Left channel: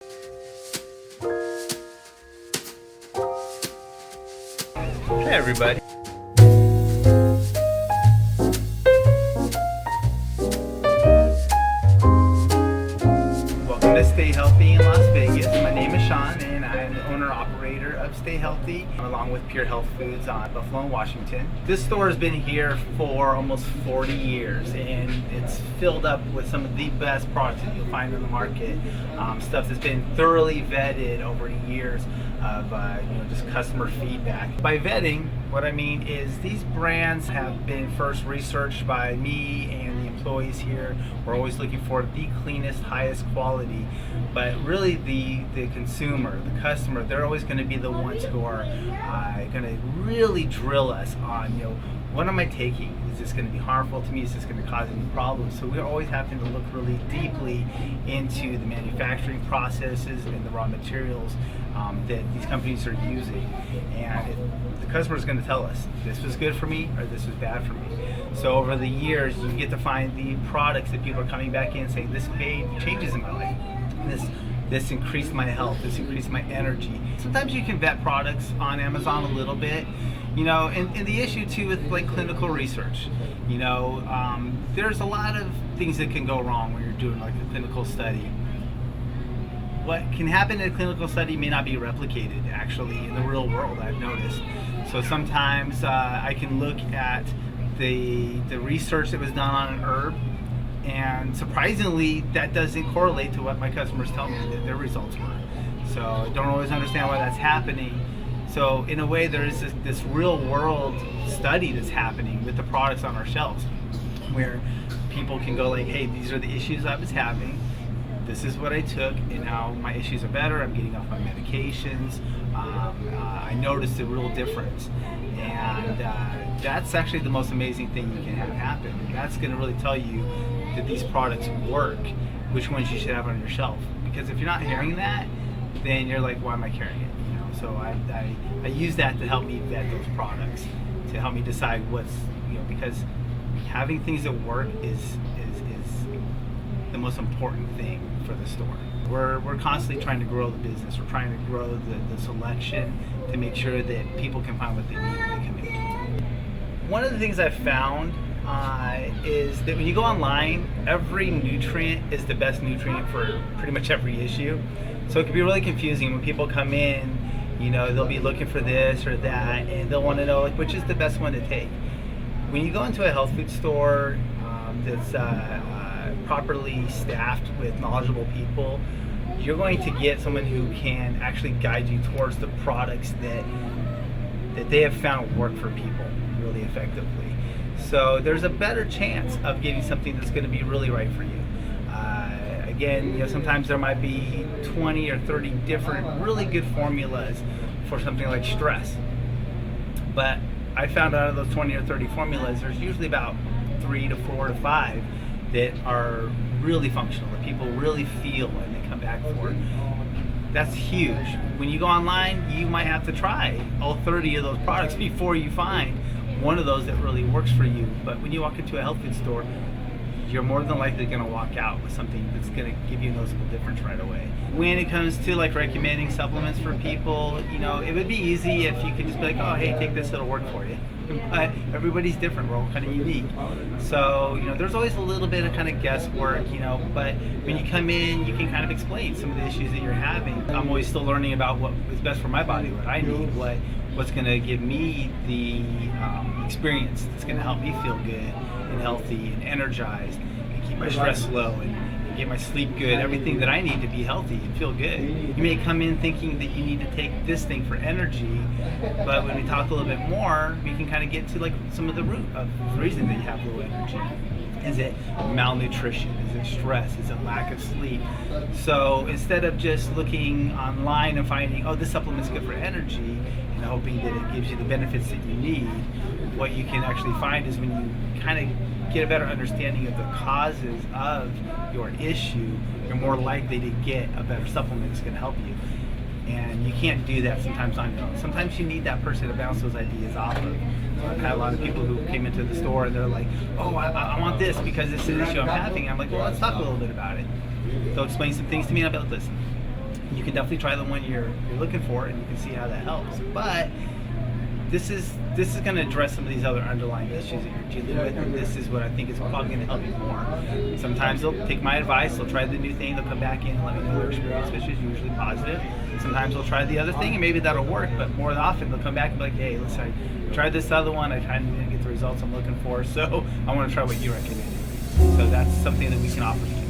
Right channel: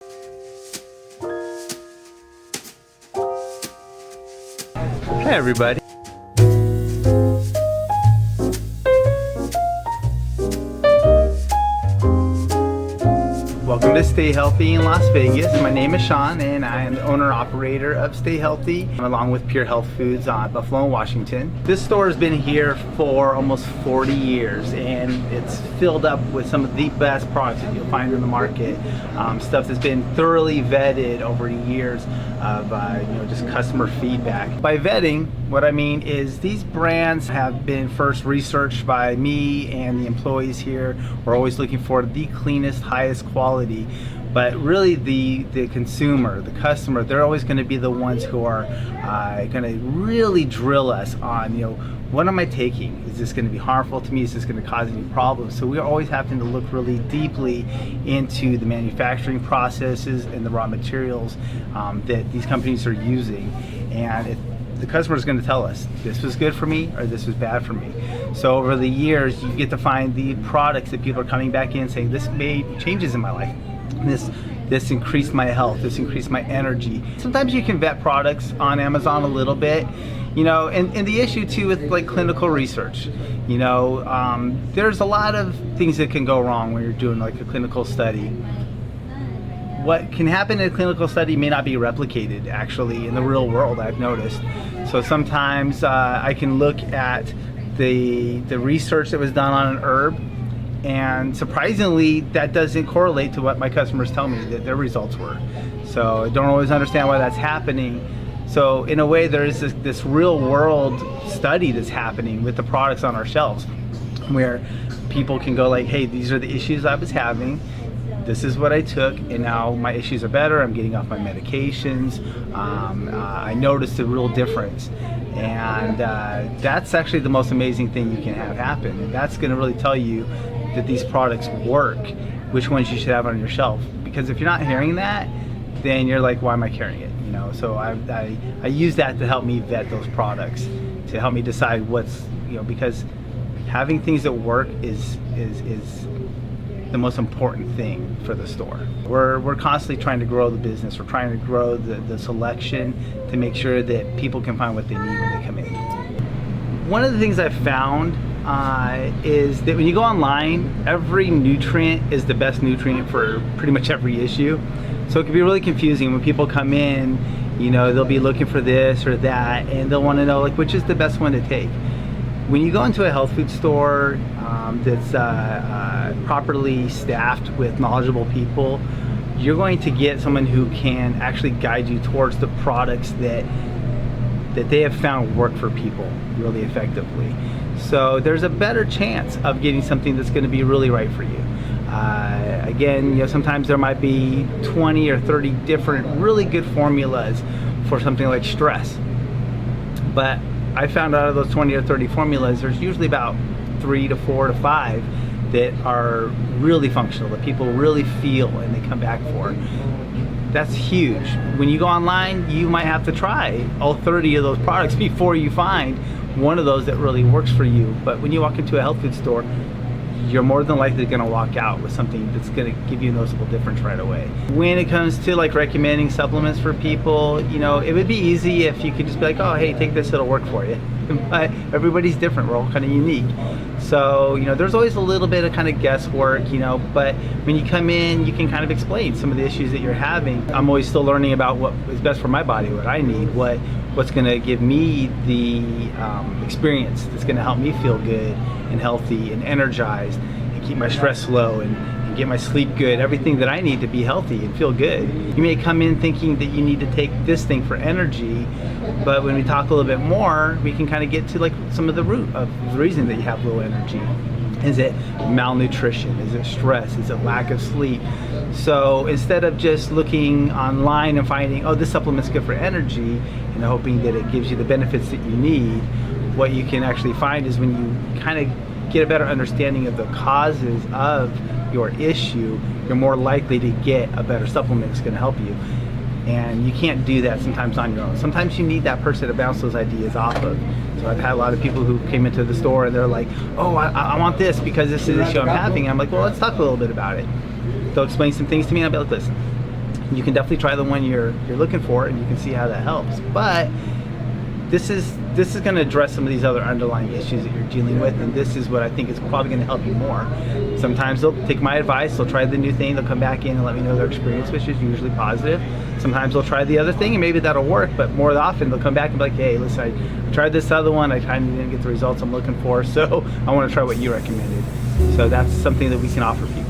Hey everybody. Welcome to Stay Healthy in Las Vegas. My name is Sean and I am the owner-operator of Stay Healthy along with Pure Health Foods on Buffalo and Washington. This store has been here for almost 40 years and it's filled up with some of the best products that you'll find in the market. Stuff that's been thoroughly vetted over years of just customer feedback. By vetting, what I mean is these brands have been first researched by me and the employees here. We're always looking for the cleanest, highest quality, but really the consumer, the customer, they're always going to be the ones who are going to really drill us on, what am I taking? Is this going to be harmful to me? Is this going to cause any problems? So we're always having to look really deeply into the manufacturing processes and the raw materials that these companies are using. And if the customer is going to tell us this was good for me or this was bad for me. So over the years, you get to find the products that people are coming back in saying, this made changes in my life. This increased my health, this increased my energy. Sometimes you can vet products on Amazon a little bit, and the issue too with like clinical research, there's a lot of things that can go wrong when you're doing like a clinical study. What can happen in a clinical study may not be replicated actually in the real world, I've noticed. So sometimes I can look at the research that was done on an herb, and surprisingly that doesn't correlate to what my customers tell me that their results were. So I don't always understand why that's happening. So in a way there is this real world study that's happening with the products on our shelves where people can go like, hey, these are the issues I was having, this is what I took, and now my issues are better, I'm getting off my medications, I noticed a real difference. And that's actually the most amazing thing you can have happen, and that's going to really tell you that these products work, which ones you should have on your shelf. Because if you're not hearing that, then you're like, why am I carrying it? So I use that to help me vet those products, to help me decide what's, because having things that work is the most important thing for the store. We're constantly trying to grow the business. We're trying to grow the selection to make sure that people can find what they need when they come in. One of the things I've found is that when you go online, every nutrient is the best nutrient for pretty much every issue. So it can be really confusing when people come in, they'll be looking for this or that, and they'll want to know like which is the best one to take. When you go into a health food store that's properly staffed with knowledgeable people, you're going to get someone who can actually guide you towards the products that they have found work for people really effectively. So there's a better chance of getting something that's going to be really right for you. Again, sometimes there might be 20 or 30 different really good formulas for something like stress. But I found out of those 20 or 30 formulas, there's usually about 3 to 4 to 5 that are really functional, that people really feel and they come back for. That's huge. When you go online, you might have to try all 30 of those products before you find one of those that really works for you. But when you walk into a health food store, you're more than likely going to walk out with something that's going to give you a noticeable difference right away. When it comes to like recommending supplements for people, it would be easy if you could just be like, oh, hey, take this, it'll work for you. But everybody's different, we're all kind of unique. So, there's always a little bit of kind of guesswork, but when you come in, you can kind of explain some of the issues that you're having. I'm always still learning about what is best for my body, what I need, what's going to give me the experience that's going to help me feel good and healthy and energized and keep my stress low and get my sleep good, everything that I need to be healthy and feel good. You may come in thinking that you need to take this thing for energy, but when we talk a little bit more, we can kind of get to like some of the root of the reason that you have low energy. Is it malnutrition? Is it stress? Is it lack of sleep? So instead of just looking online and finding, oh, this supplement's good for energy, and hoping that it gives you the benefits that you need, what you can actually find is when you kind of get a better understanding of the causes of your issue, you're more likely to get a better supplement that's going to help you. And you can't do that sometimes on your own. Sometimes you need that person to bounce those ideas off of. So I've had a lot of people who came into the store and they're like, oh, I want this because this is an issue I'm having. And I'm like, well, let's talk a little bit about it. They'll explain some things to me and I'll be like, listen, you can definitely try the one you're looking for, and you can see how that helps. But this is going to address some of these other underlying issues that you're dealing with, and this is what I think is probably going to help you more. Sometimes they'll take my advice, they'll try the new thing, they'll come back in and let me know their experience, which is usually positive. Sometimes they'll try the other thing and maybe that'll work, but more often they'll come back and be like, hey, listen, I tried this other one, I kind of didn't get the results I'm looking for, so I want to try what you recommended. So that's something that we can offer people.